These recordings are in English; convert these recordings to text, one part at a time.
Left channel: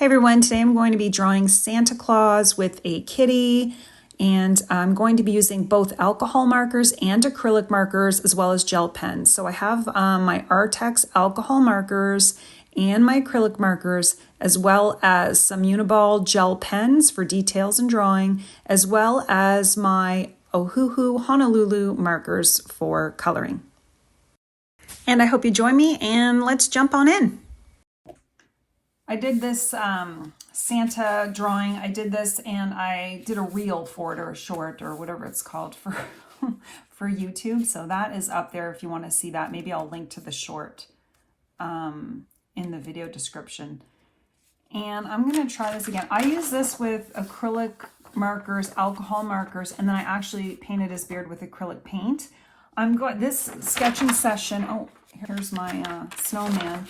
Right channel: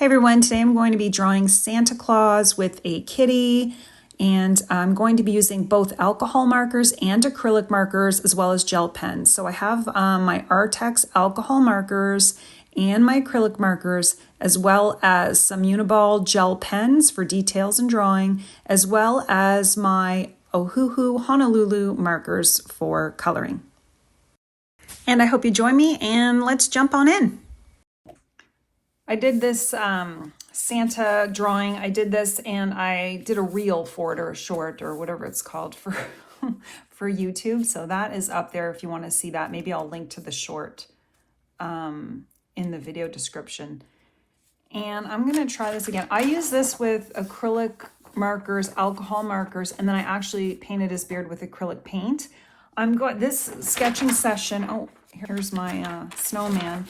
Hey everyone, today I'm going to be drawing Santa Claus with a kitty, and I'm going to be using both alcohol markers and acrylic markers as well as gel pens. So I have my Artex alcohol markers and my acrylic markers, as well as some Uniball gel pens for details and drawing, as well as my Ohuhu Honolulu markers for coloring. And I hope you join me, and let's jump on in. I did this Santa drawing. I did this and I did a reel for it, or a short, or whatever it's called for for YouTube. So that is up there if you want to see that. Maybe I'll link to the short in the video description. And I'm going to try this again. I use this with acrylic markers, alcohol markers, and then I actually painted his beard with acrylic paint. I'm going this sketching session. Oh, here's my snowman.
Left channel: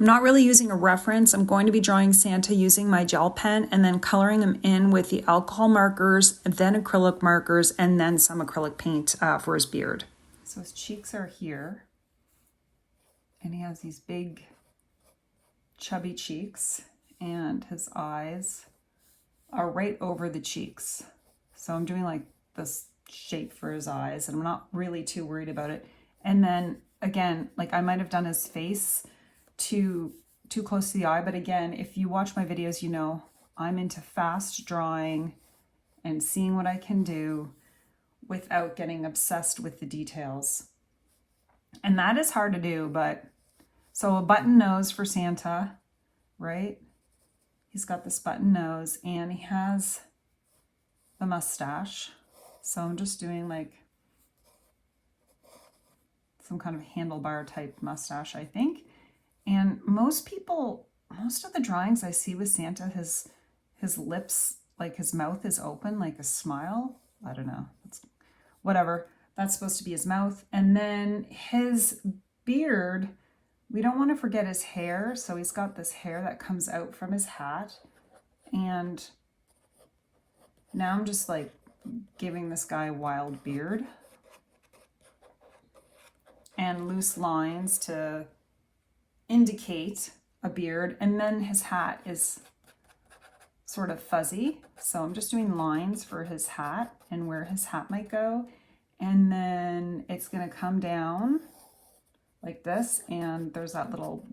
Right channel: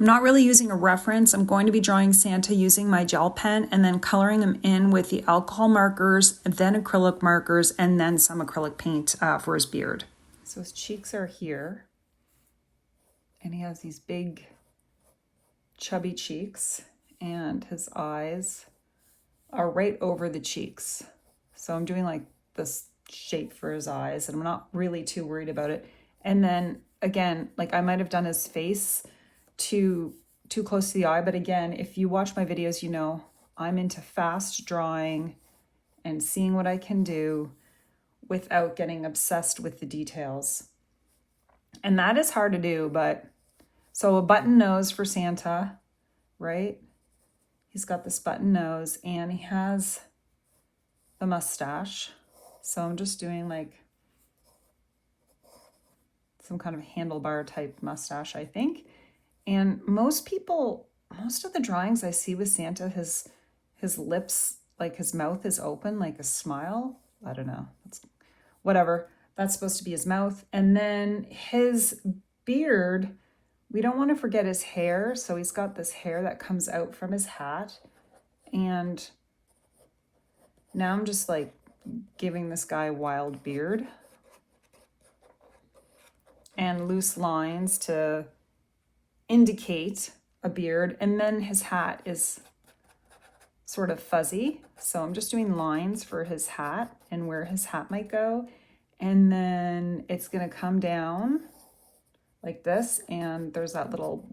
I'm not really using a reference. I'm going to be drawing Santa using my gel pen and then coloring him in with the alcohol markers, then acrylic markers, and then some acrylic paint for his beard. So his cheeks are here, and he has these big chubby cheeks, and his eyes are right over the cheeks. So I'm doing like this shape for his eyes, and I'm not really too worried about it. And then again, like I might have done his face too close to the eye, but again, if you watch my videos, you know I'm into fast drawing and seeing what I can do without getting obsessed with the details. And that is hard to do, but so a button nose for Santa, right? He's got this button nose and he has the mustache. So I'm just doing like some kind of handlebar type mustache, I think. And most of the drawings I see with Santa, his lips, like his mouth is open, like a smile. I don't know, it's whatever. That's supposed to be his mouth. And then his beard, we don't want to forget his hair. So he's got this hair that comes out from his hat. And now I'm just like giving this guy a wild beard and loose lines to indicate a beard. And then his hat is sort of fuzzy, so I'm just doing lines for his hat and where his hat might go. And then it's going to come down like this, and there's that little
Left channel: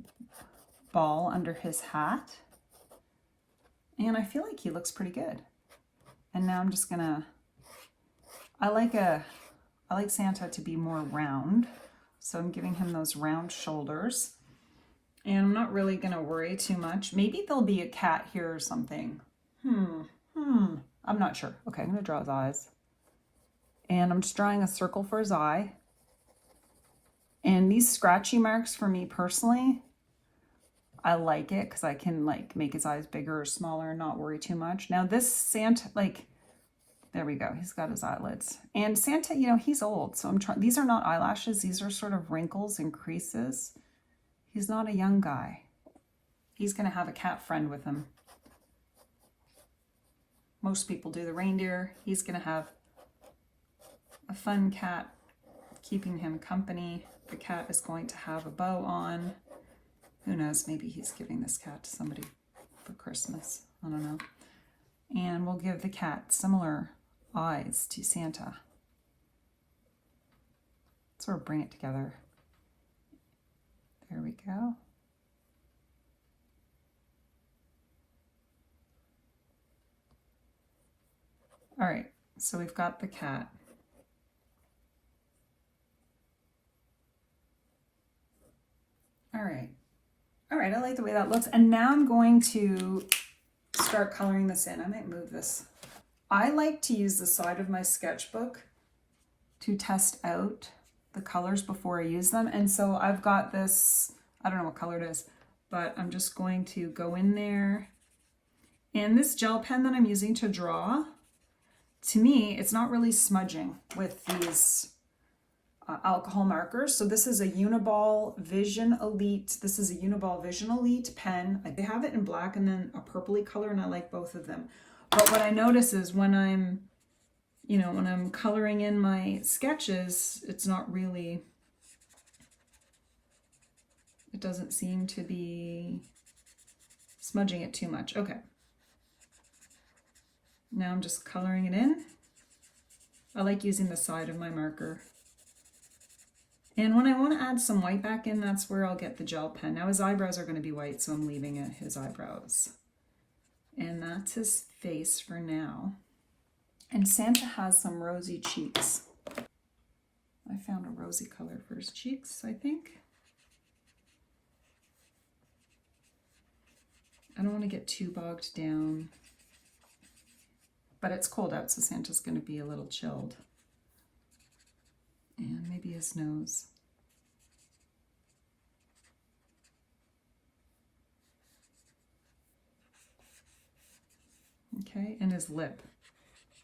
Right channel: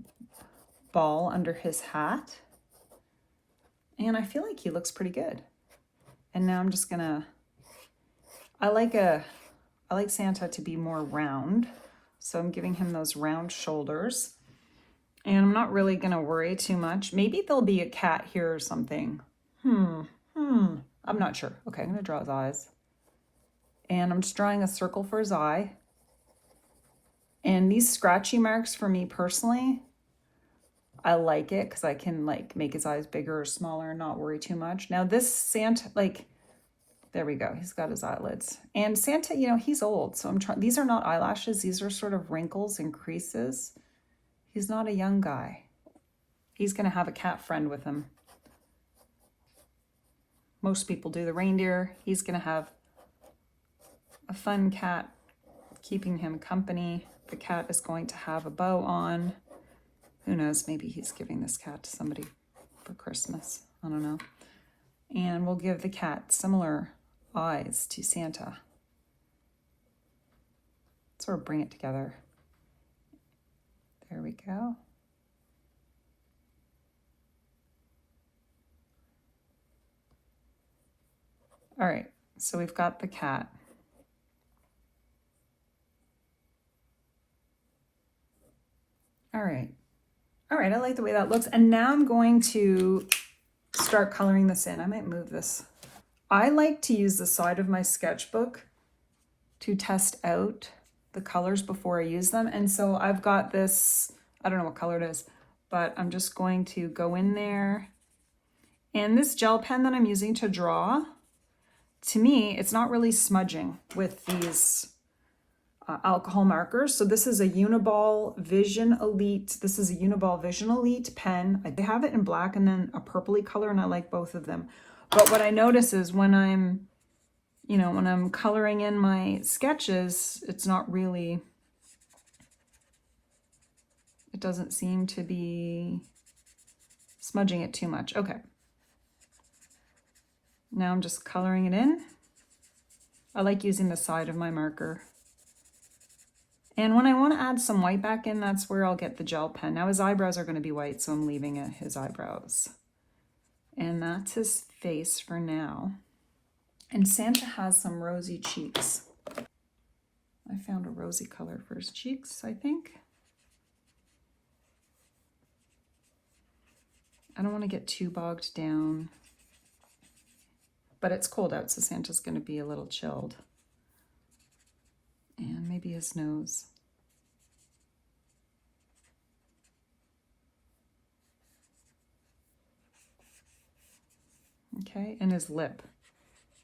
ball under his hat, and I feel like he looks pretty good. And now I'm just gonna, I like Santa to be more round, so I'm giving him those round shoulders. And I'm not really gonna worry too much. Maybe there'll be a cat here or something. I'm not sure. Okay, I'm gonna draw his eyes. And I'm just drawing a circle for his eye. And these scratchy marks, for me personally, I like it because I can like make his eyes bigger or smaller and not worry too much. Now this Santa, like, there we go. He's got his eyelids. And Santa, you know, he's old. So I'm trying, these are not eyelashes. These are sort of wrinkles and creases. He's not a young guy. He's going to have a cat friend with him. Most people do the reindeer. He's going to have a fun cat keeping him company. The cat is going to have a bow on. Who knows? Maybe he's giving this cat to somebody for Christmas. I don't know. And we'll give the cat similar eyes to Santa. Sort of bring it together. There we go. All right, so we've got the cat. All right, I like the way that looks. And now I'm going to start coloring this in. I might move this. I like to use the side of my sketchbook to test out the colors before I use them. And so I've got this, I don't know what color it is, but I'm just going to go in there. And this gel pen that I'm using to draw, to me, it's not really smudging with these alcohol markers. So this is a Uniball Vision Elite. This is a Uniball Vision Elite pen. I have it in black and then a purpley color, and I like both of them. But what I notice is when I'm, you know, when I'm coloring in my sketches, it's not really, it doesn't seem to be smudging it too much. Okay. Now I'm just coloring it in. I like using the side of my marker. And when I want to add some white back in, that's where I'll get the gel pen. Now his eyebrows are going to be white, so I'm leaving it his eyebrows. And that's his face for now. And Santa has some rosy cheeks. I found a rosy color for his cheeks, I think. I don't want to get too bogged down. But it's cold out, so Santa's going to be a little chilled. And maybe his nose. Okay, and his lip.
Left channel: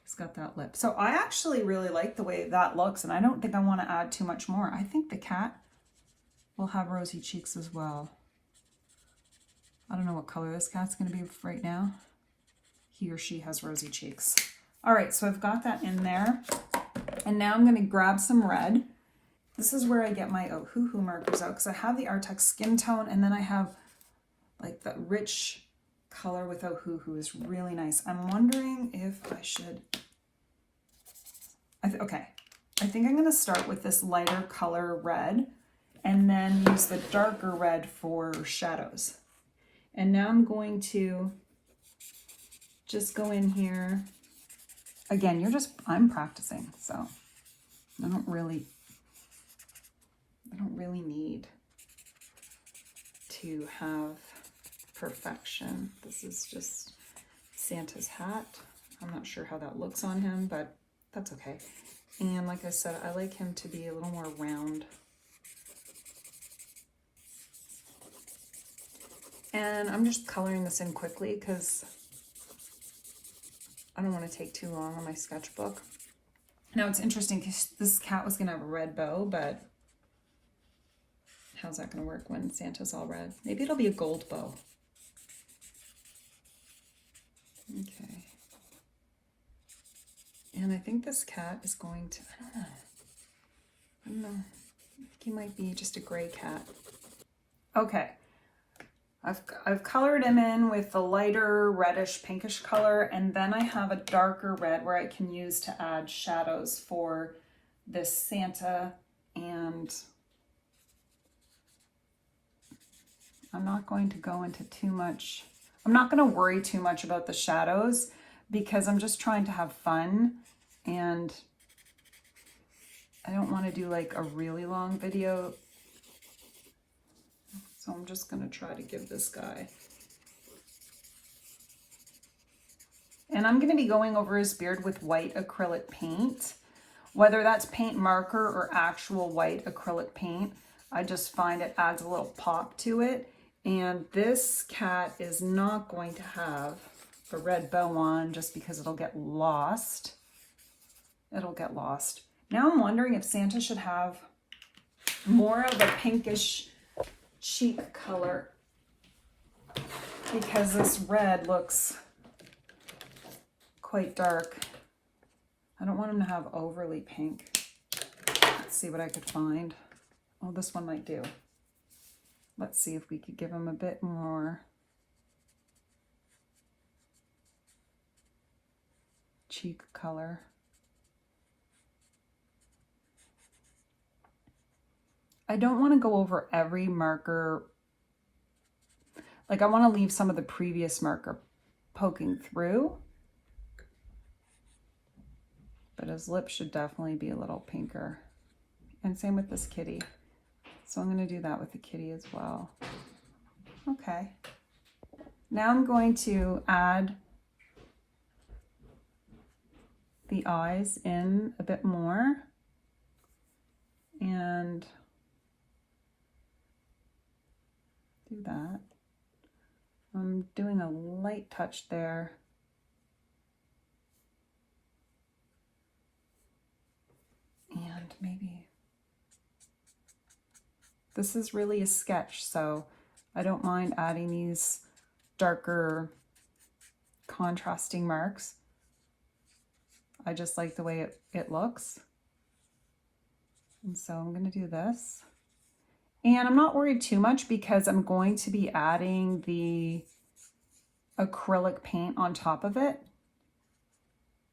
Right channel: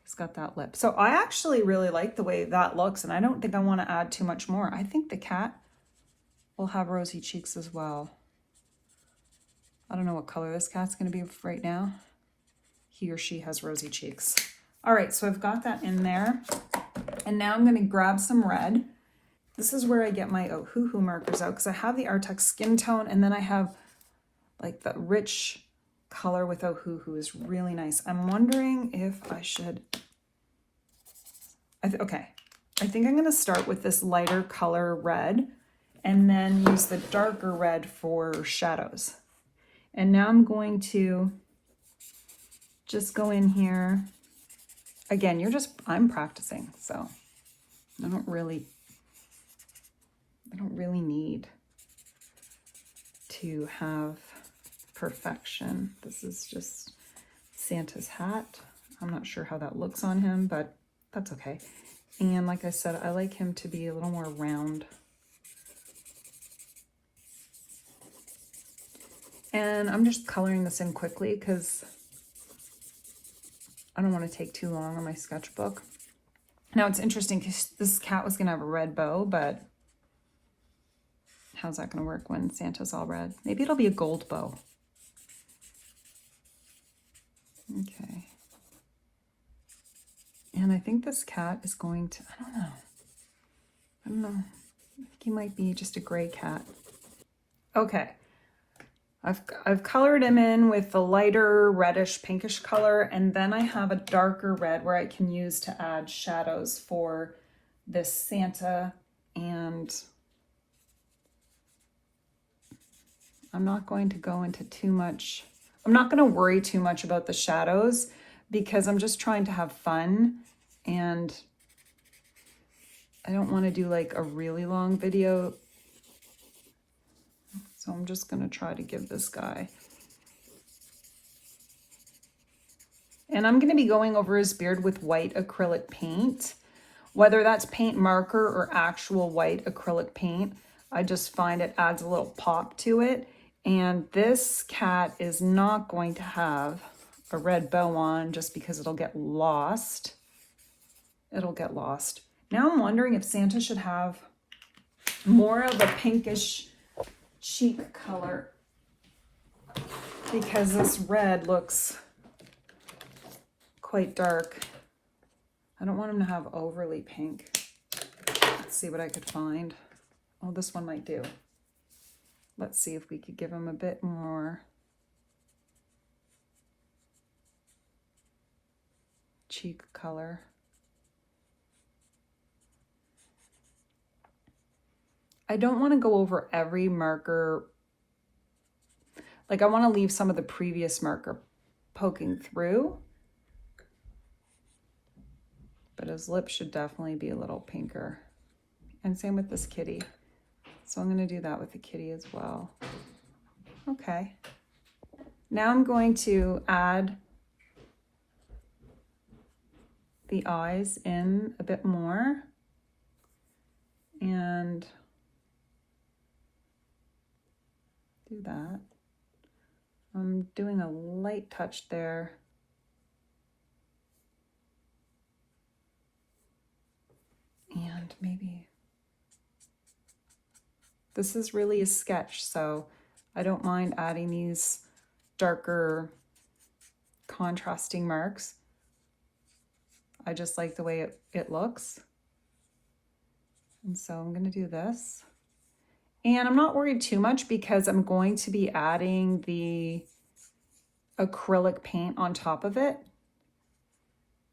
He's got that lip. So I actually really like the way that looks, and I don't think I want to add too much more. I think the cat will have rosy cheeks as well. I don't know what color this cat's going to be right now. He or she has rosy cheeks. All right, so I've got that in there. And now I'm going to grab some red. This is where I get my Ohuhu markers out, because I have the Artex skin tone, and then I have like the rich color with Ohuhu is really nice. I'm wondering if I should, okay, I think I'm going to start with this lighter color red and then use the darker red for shadows. And now I'm going to just go in here. Again, I'm practicing, so I don't really need to have perfection. This is just Santa's hat. I'm not sure how that looks on him, but that's okay. And like I said, I like him to be a little more round. And I'm just coloring this in quickly because I don't want to take too long on my sketchbook. Now it's interesting because this cat was going to have a red bow, but how's that going to work when Santa's all red? Maybe it'll be a gold bow. Okay. And I think this cat is going to, I don't know. I think he might be just a gray cat. Okay. I've colored him in with the lighter reddish pinkish color, and then I have a darker red where I can use to add shadows for this Santa, and I'm not going to go into too much. I'm not going to worry too much about the shadows because I'm just trying to have fun, and I don't want to do like a really long video. So I'm just going to try to give this guy. And I'm going to be going over his beard with white acrylic paint. Whether that's paint marker or actual white acrylic paint, I just find it adds a little pop to it. And this cat is not going to have a red bow on just because it'll get lost. It'll get lost. Now I'm wondering if Santa should have more of a pinkish cheek color because this red looks quite dark. I don't want him to have overly pink. Let's see what I could find. Oh, this one might do. Let's see if we could give him a bit more cheek color. I don't want to go over every marker. Like I want to leave some of the previous marker poking through. But his lips should definitely be a little pinker. And same with this kitty. So I'm going to do that with the kitty as well. Okay. Now I'm going to add the eyes in a bit more. And do that. I'm doing a light touch there. And maybe this is really a sketch, so I don't mind adding these darker contrasting marks. I just like the way it looks. And so I'm going to do this. And I'm not worried too much because I'm going to be adding the acrylic paint on top of it.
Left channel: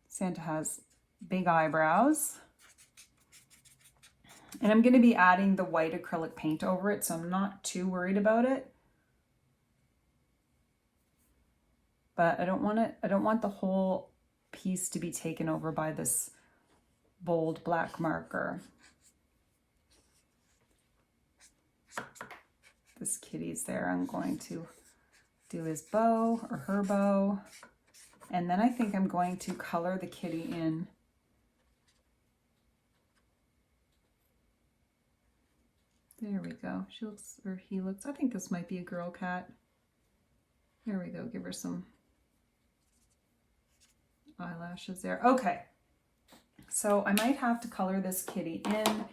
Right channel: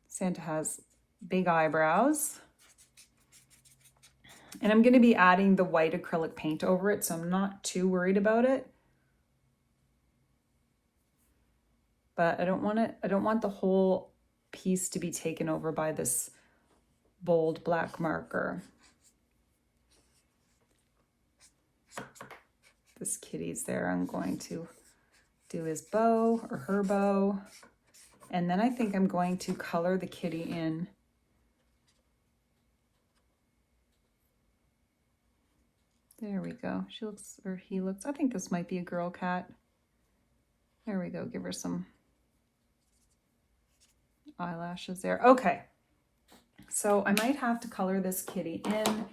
Santa has big eyebrows. And I'm going to be adding the white acrylic paint over it, so I'm not too worried about it. But I don't want the whole piece to be taken over by this bold black marker. This kitty's there. I'm going to do his bow or her bow. And then I think I'm going to color the kitty in. There we go. She looks, or he looks, I think this might be a girl cat. There we go. Give her some eyelashes there. Okay. So I might have to color this kitty in,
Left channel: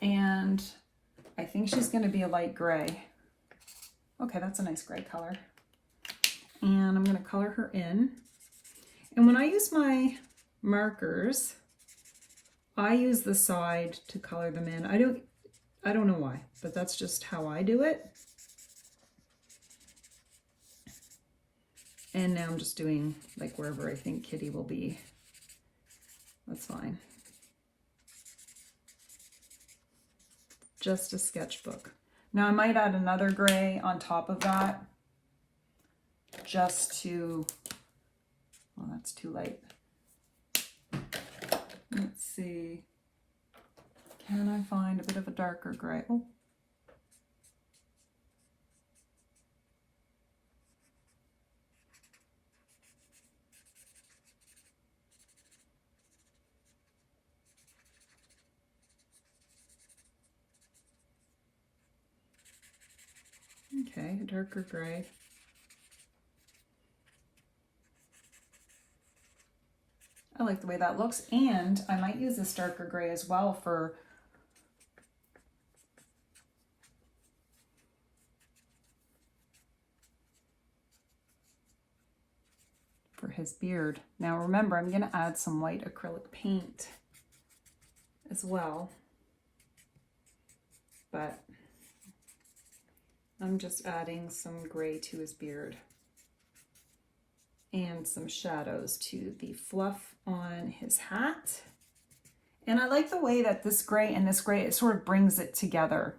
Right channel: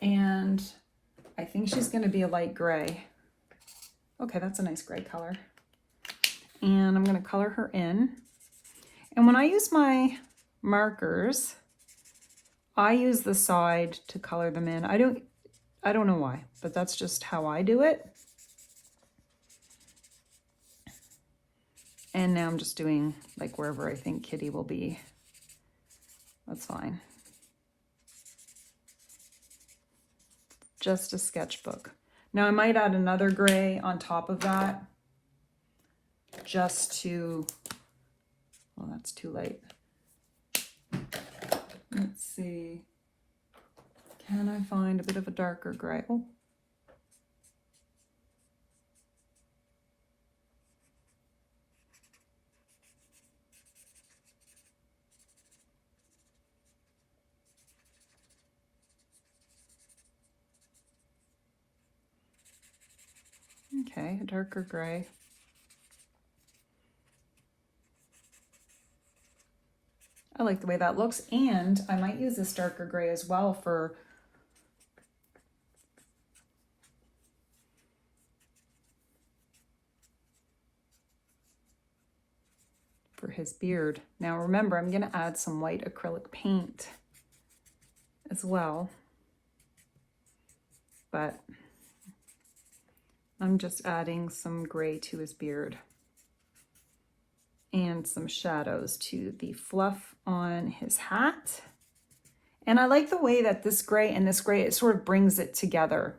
and I think she's going to be a light gray. Okay, that's a nice gray color. And I'm going to color her in. And when I use my markers, I use the side to color them in. I don't know why, but that's just how I do it. And now I'm just doing like wherever I think kitty will be. That's fine. Just a sketchbook. Now I might add another gray on top of that just to, well, that's too late. Let's see. Can I find a bit of a darker gray? Oh. Okay, a darker gray. I like the way that looks, and I might use this darker gray as well for his beard. Now remember, I'm going to add some white acrylic paint as well, but I'm just adding some gray to his beard and some shadows to the fluff on his hat. And I like the way that this gray and this gray, it sort of brings it together.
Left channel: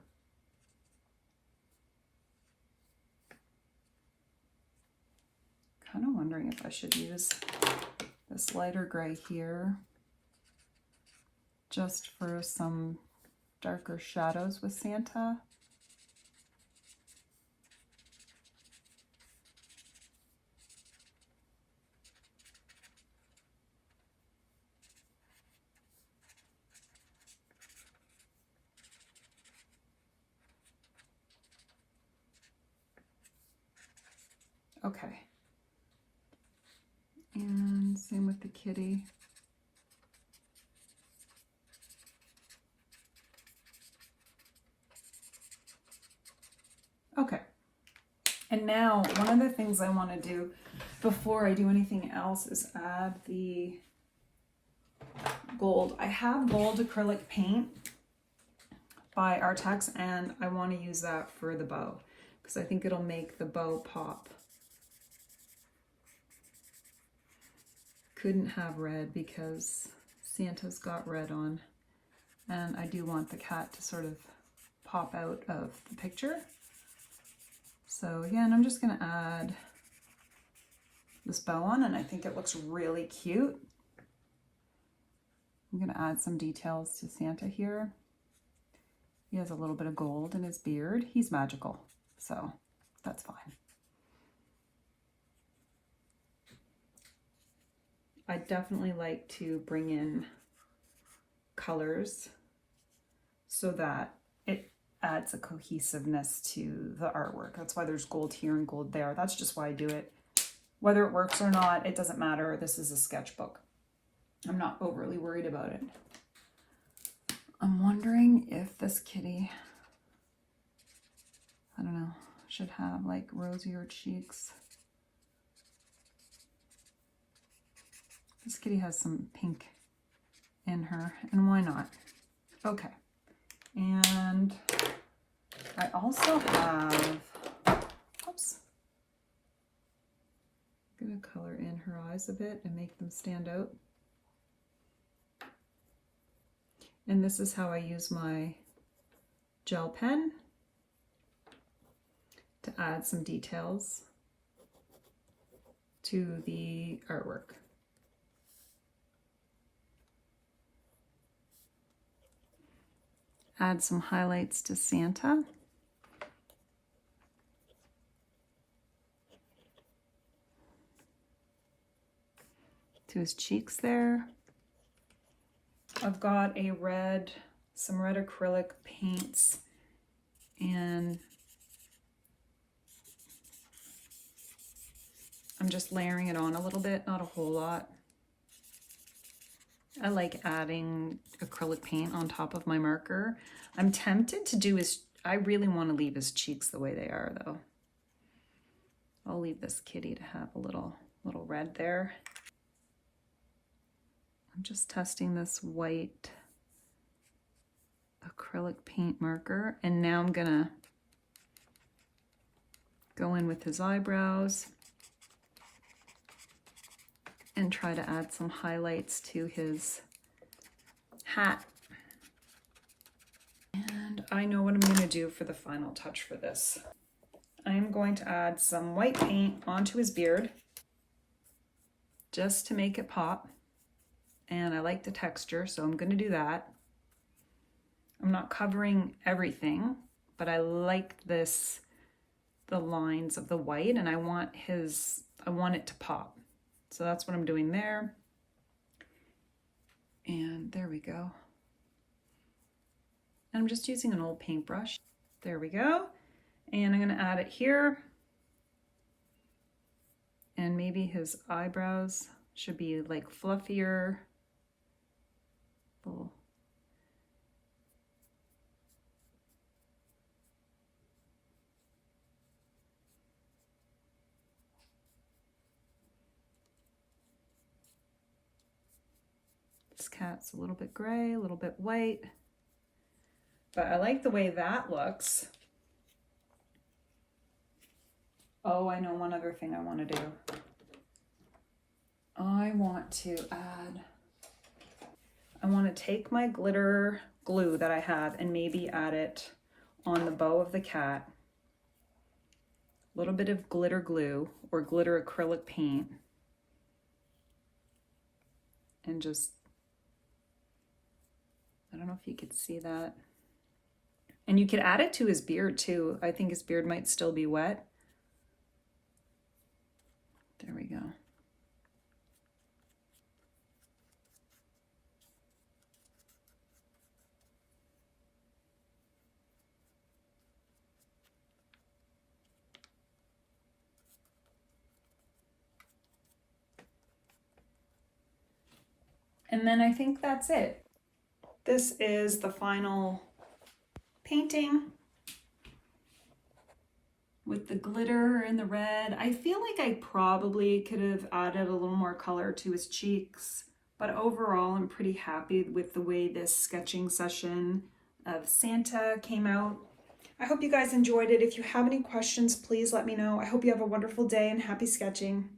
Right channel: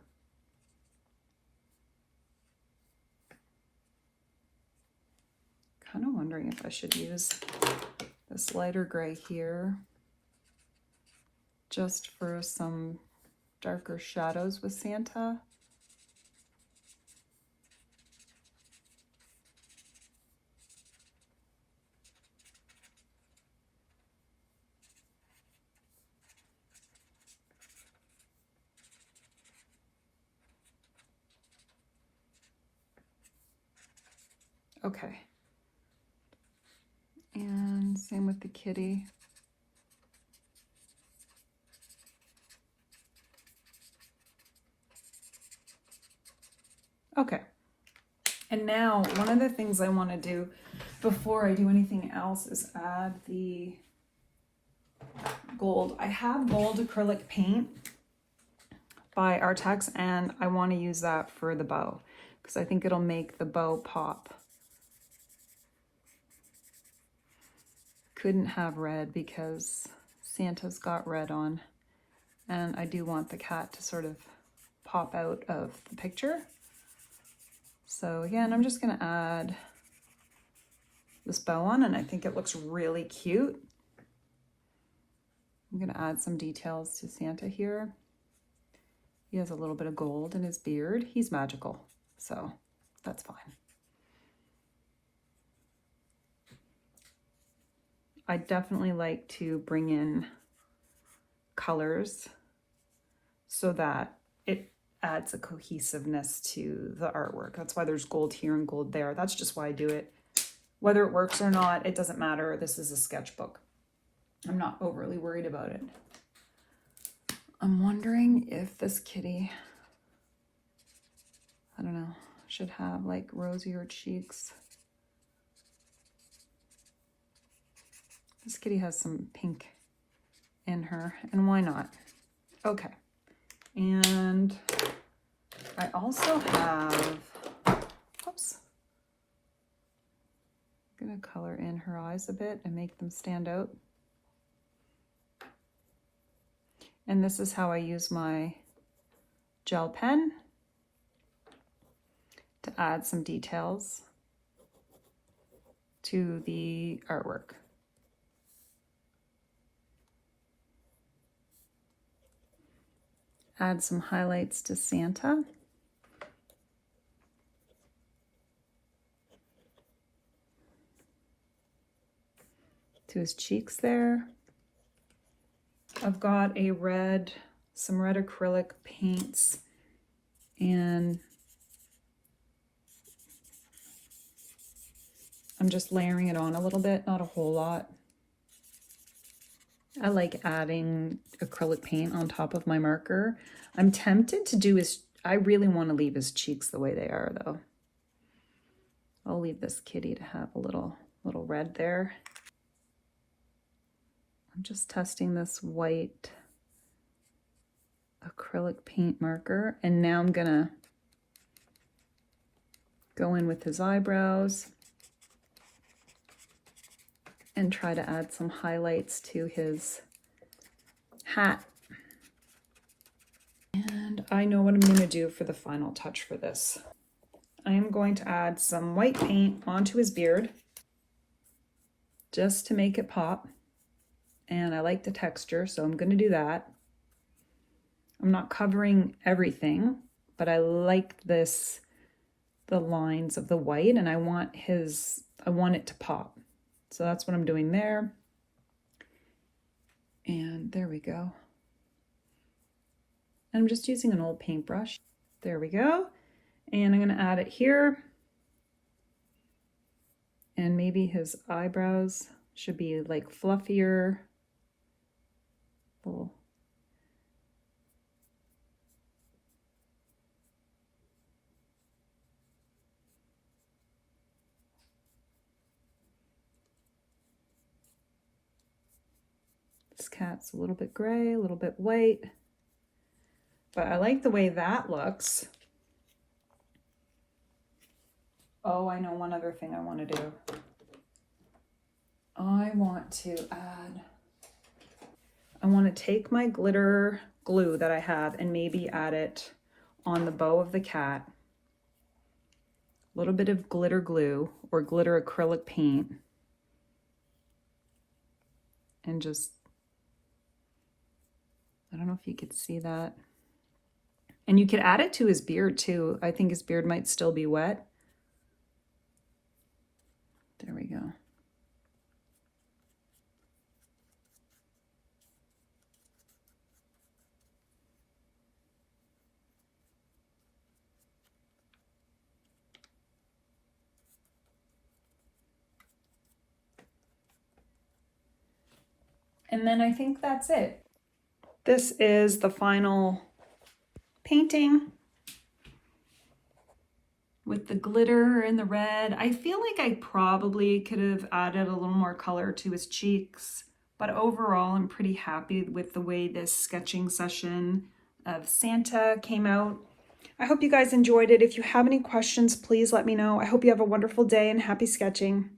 Kind of wondering if I should use this lighter gray here just for some darker shadows with Santa. Okay. And same with the kitty. Okay. And now one of the things I want to do before I do anything else is add the gold. I have gold acrylic paint by Artex, and I want to use that for the bow because I think it'll make the bow pop. Couldn't have red because Santa's got red on, and I do want the cat to sort of pop out of the picture. So again, I'm just going to add this bow on, and I think it looks really cute. I'm going to add some details to Santa here. He has a little bit of gold in his beard. He's magical, so that's fine. I definitely like to bring in colors so that it adds a cohesiveness to the artwork. That's why there's gold here and gold there. That's just why I do it. Whether it works or not, it doesn't matter. This is a sketchbook. I'm not overly worried about it. I'm wondering if this kitty, I don't know, should have like rosier cheeks. This kitty has some pink in her, and why not? Okay. And I also have, oops. gonna color in her eyes a bit and make them stand out. And this is how I use my gel pen to add some details to the artwork. Add some highlights to Santa. To his cheeks there. I've got some red acrylic paints, and I'm just layering it on a little bit, not a whole lot. I like adding acrylic paint on top of my marker. I'm tempted to do I really want to leave his cheeks the way they are though. I'll leave this kitty to have a little red there. I'm just testing this white acrylic paint marker, and now I'm gonna go in with his eyebrows and try to add some highlights to his hat. And I know what I'm gonna do for the final touch for this. I am going to add some white paint onto his beard just to make it pop. And I like the texture, so I'm gonna do that. I'm not covering everything, but I like the lines of the white, and I want it to pop. So that's what I'm doing there. And there we go. And I'm just using an old paintbrush. There we go. And I'm gonna add it here. And maybe his eyebrows should be like fluffier. Little. This cat's a little bit gray, a little bit white, but I like the way that looks. Oh, I know one other thing I want to do. I want to take my glitter glue that I have and maybe add it on the bow of the cat. A little bit of glitter glue or glitter acrylic paint. And just, I don't know if you could see that. And you could add it to his beard too. I think his beard might still be wet. There we go. And then I think that's it. This is the final painting with the glitter and the red. I feel like I probably could have added a little more color to his cheeks, but overall I'm pretty happy with the way this sketching session of Santa came out. I hope you guys enjoyed it. If you have any questions, please let me know. I hope you have a wonderful day and happy sketching.